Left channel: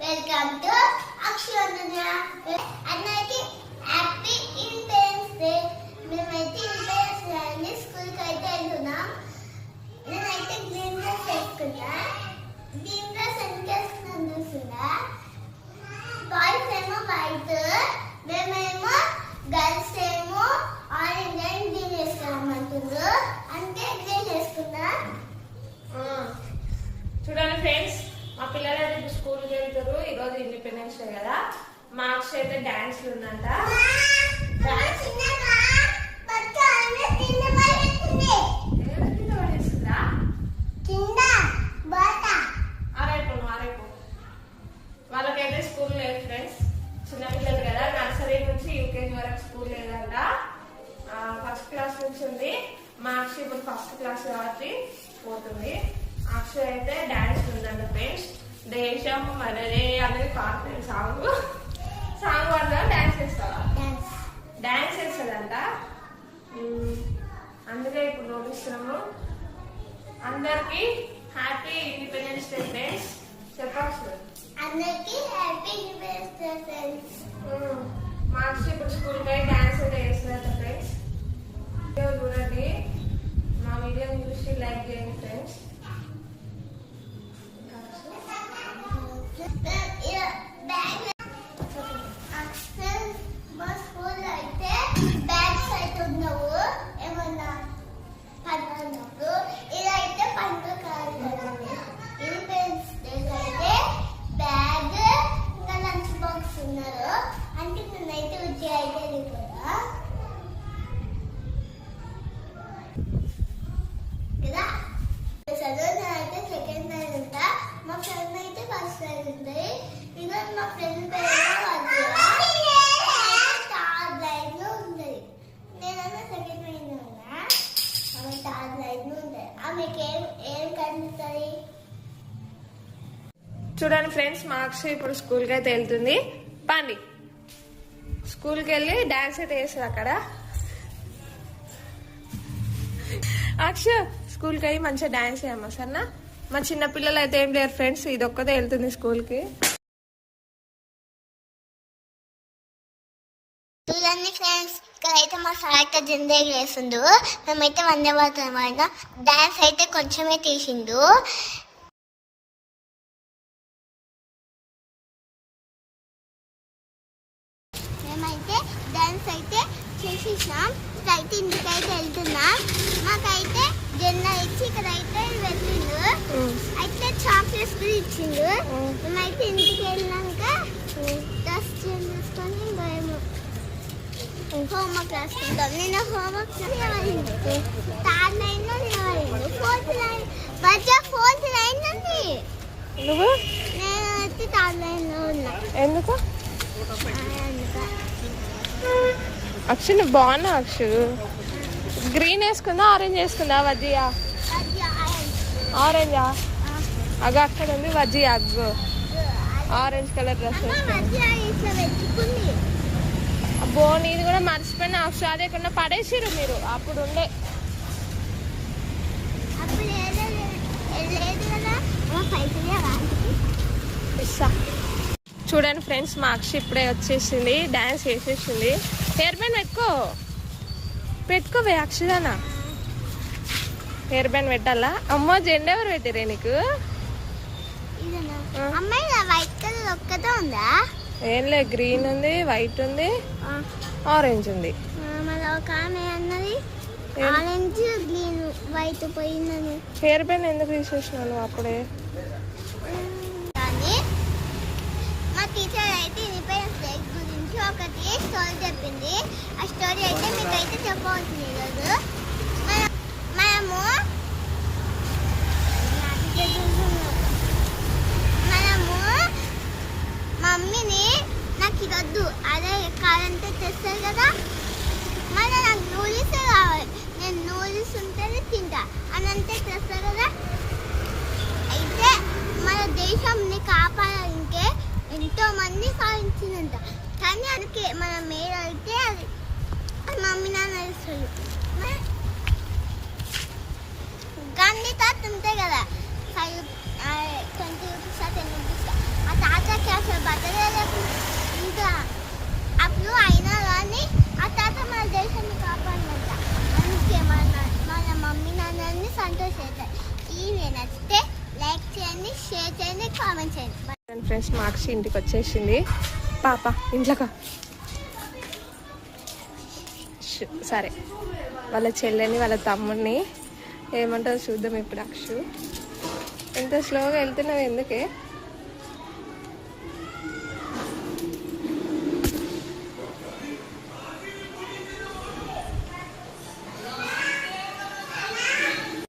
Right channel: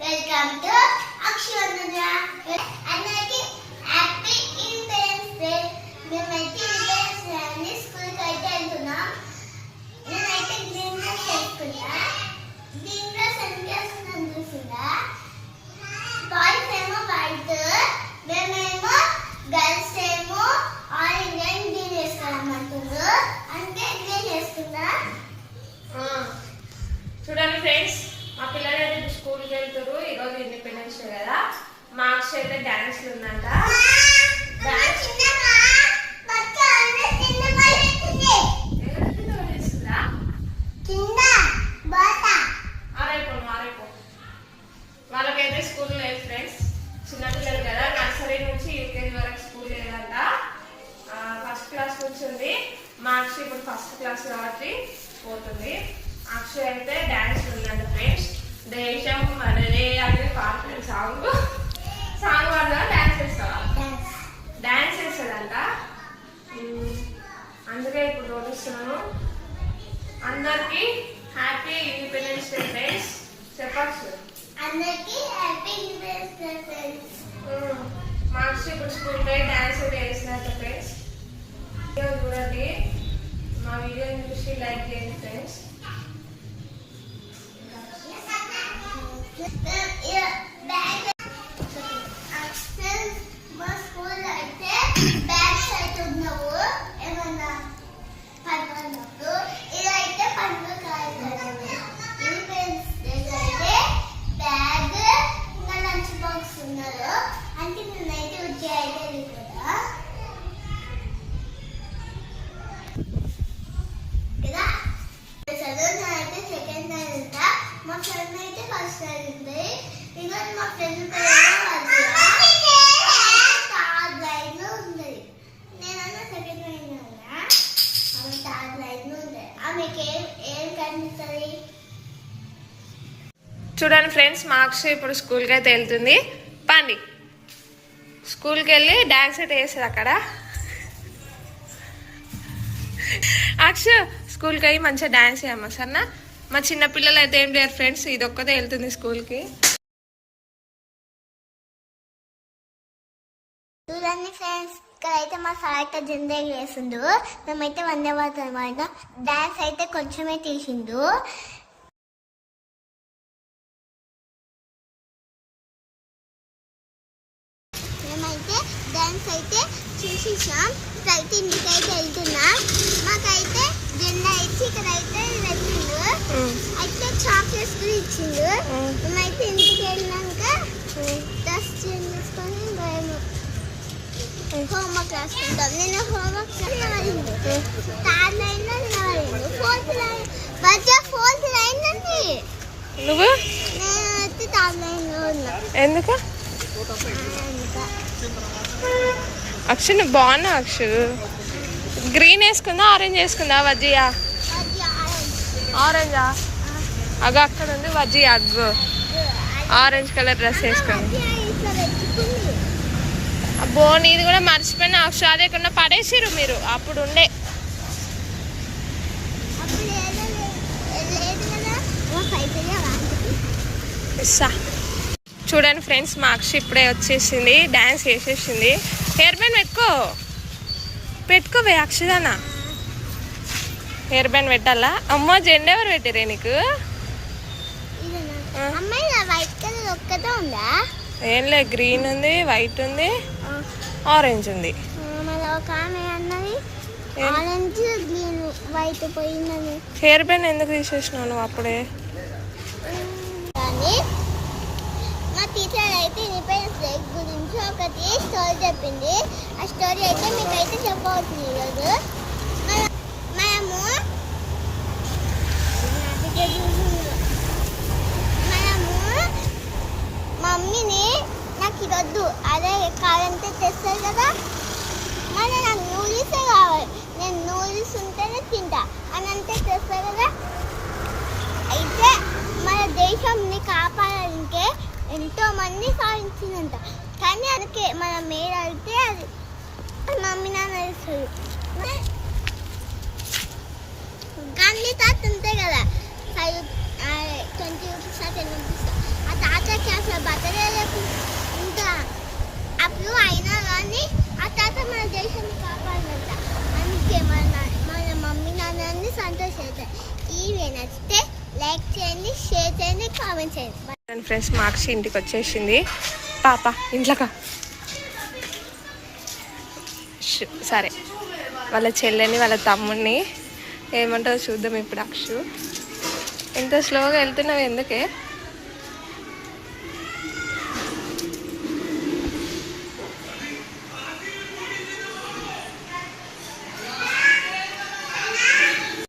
Welcome to Aksharagna. అందరికీ happy independence day. మేమైతే independence day అని స్కూల్కి అయితే వెళ్తున్నాం. నేనైతే గ్రీన్ డ్రెస్ వేసుకున్నా. గ్రీన్ డ్రెస్ ఎంత వేసుకున్నాను చూసిందా? బాయ్స్ ఏమో వైట్, మేమేమో గర్ల్స్ ఏమో ఆరెంజ్ అండ్ గ్రీన్ వేసుకోవాలంటున్నారు. అంటే గ్రీన్ వేసుకున్నా. చూడండి ఫ్రెండ్స్, మా పిల్లలు అయితే స్కూల్కి వెళ్తారు. ఈరోజు ఇండిపెండెన్స్ డే కదా. మార్క్స్ అయితే డాన్స్ ఉందంట. వాళ్ళకైతే స్కూల్ లేదు ఫ్రెండ్స్, చిన్నపిల్లలు కదా. నర్సరీ నుంచి యూకేజీ వరకు స్కూల్ లేదంట. ఫస్ట్ క్లాస్ నుంచి ఉంది. మార్క్స్ ఇప్పుడు ఫస్ట్ క్లాస్ కాబట్టి పోతుంది. అక్షయ్ అయితే డాన్స్ ఉందంట ఫ్రెండ్స్. దేశం మనదే అనేది పాడుతుంది సాంగ్ వల్ల డాన్స్ చేస్తావా? డాన్స్ చేస్తుందంట. అందుకే ఇప్పుడు చూపిస్తున్నాము. అందరికి హ్యాపీ ఇండిపెండెన్స్ డే ఫ్రెండ్స్ చెప్పచ్చు. అందరికీ happy independence day friends. Marks ఇప్పుడు స్కూల్కి పోయి డాన్స్ అయితే వేస్తున్నట్టు ఫ్రెండ్స్. వీడియో చూడండి, మా వీడియోని చూసి లైక్ చేయండి ఫ్రెండ్స్. మా స్కూల్ అయితే బ్యాగ్స్ అయితే ఉన్నావు. ఏమన్నా పండుగ ఇదైతే పండుగ కాదు. ఇండిపెండెన్స్ డే అయితే బ్యాగ్ ఇంకా లంచ్ బాక్స్ ఉన్నారు. అంటే నేనైతే ఉద్యోగం అయితే కదా నేనైతే సెకండ్ టైం ఉంటా. మా ఫ్రెండ్ అయితే ఫస్ట్ టైం ఉంటుంది. ఈరోజు మా ఫ్రెండ్ థర్డ్ లైన్ లో ఉంది. నేనన్నా సెకండ్ లైన్ ఉన్నా. ఆమె థర్డ్ లైన్ లో ఉంది. ఆమెకి ఏం కనిపిస్తుంది? చూడండి ఫ్రెండ్స్, మార్క్స్ ఇప్పుడు స్కూల్కి అయితే వెళ్తుంది. పండి స్కూల్కి వెళ్ళి డాన్స్ అయితే వేస్తుంది అక్కడ. అక్ష స్కూల్కి అయ్యి మంచిగా డాన్స్ చేయమ్మా సరేనా? మా చిన్న పిల్లలు అయితే ఏం లేరు ఫ్రెండ్స్, ఇది ఒక్కదే వెళ్తుంది స్కూల్కి. చూడండి ఫ్రెండ్స్, ఇక్కడైతే మా సార్ అయితే జెండా వేసిండు. మేమైతే వందే మాతరం డాన్స్ అయితే కొంచెమే తీసిండు. మేమైతే డాన్స్ అయితే చేసేసాం. ఇక్కడైతే ఇంటికైతే వెళ్తున్నాం. మాకైతే జెండా ఇచ్చి ఇక్కడైతే వెళ్ళిండు. అయితే చాక్లెట్స్ కూడా ఇచ్చిండు. మేమైతే ఇంటికి వెళ్ళినాక డ్రెస్ చేంజ్ చేసుకొని హోంవర్క్ రాసుకుంటాం. నేను హోంవర్క్ నిలబడింది. థర్డ్ లైన్ లో నిలబడిండు. ఫోర్త్ లైన్ ఉంది. నువ్వు? నేనైతే థర్డ్ లైన్ లో ఉన్నా. ఎందుకు? అక్షు నువ్వు బాగున్నా. అక్షు గ్రీన్ వేసుకుందా ఆరెంజ్ వేసుకుందా? వజ్జియా ఆరెంజా? అగ అక్కడ ఉంది Vajji. Aggu orange colour dress వేసుకుంది. అబ్బో నీది కూడా మర్చిపోయినా అక్షు. అది ఎక్కడ పడేసిరు మీరు అప్పుడు ఉండే. చూడండి ఫ్రెండ్స్, మా అక్ష ఇప్పుడే వచ్చేసింది, డాన్స్ వేసేసింది. హెయిర్ బ్యాండ్ పెట్టుకోవే అక్షదానా. హెయిర్ బ్యాండ్ పెట్టాలా? అమ్మో జెండా ఎవరు పెట్టిరే నీకు? ఏం లే, గ్రీన్ ఉంది, వైట్ ఉంది, ఆరెంజ్ ఉంది. హెయిర్ బ్యాండ్ ఎందుకు తీసేసినావు నువ్వు అప్పుడే? టీచర్ అయితే ఇండిపెండెన్స్ డే గురించి ఒకటి స్టోరీ చెప్పింది. ఆ స్టోరీ అయితే మీకైతే చెప్పవచ్చు. ఈరోజు మనము మమ్మీని నాకు ఇదొద్దు అదే కావాలంటే తెస్తారు కదా. మన నాకు నూడిల్సే కావాలి, నేను నూడిల్స్ ఉంటేనే తింటా అని అంటే తెస్తారు కదా. అయితే మన దేశంని కాపాడాలంటే ఎంతో మంది సాధించిందంట. కానీ అందుకే మన మేడ అయితే అది మమ్మీ నాన్న వేస్తుంది. గాంధీ తాత ఉంటాయి కదా, 20 రూపీస్ 10 రూపీస్. ఆ తాత చేయండి, సంతోషించండి. ఈ వీడియో నచ్చితే లైక్ చేయండి, షేర్ చేయండి, కామెంట్ చేయండి. ఫ్రెండ్స్ మాక్షి ఇంటికి వచ్చేసింది. పాప ఇంట్లోకా సరే వాళ్ళ చెల్లెని వాళ్ళ తమ్ముడిని ఏమంటారో చూద్దాం ఇప్పుడు. అక్షు ఎంత స్లోగా వెళ్తున్నావు ఎందుకే?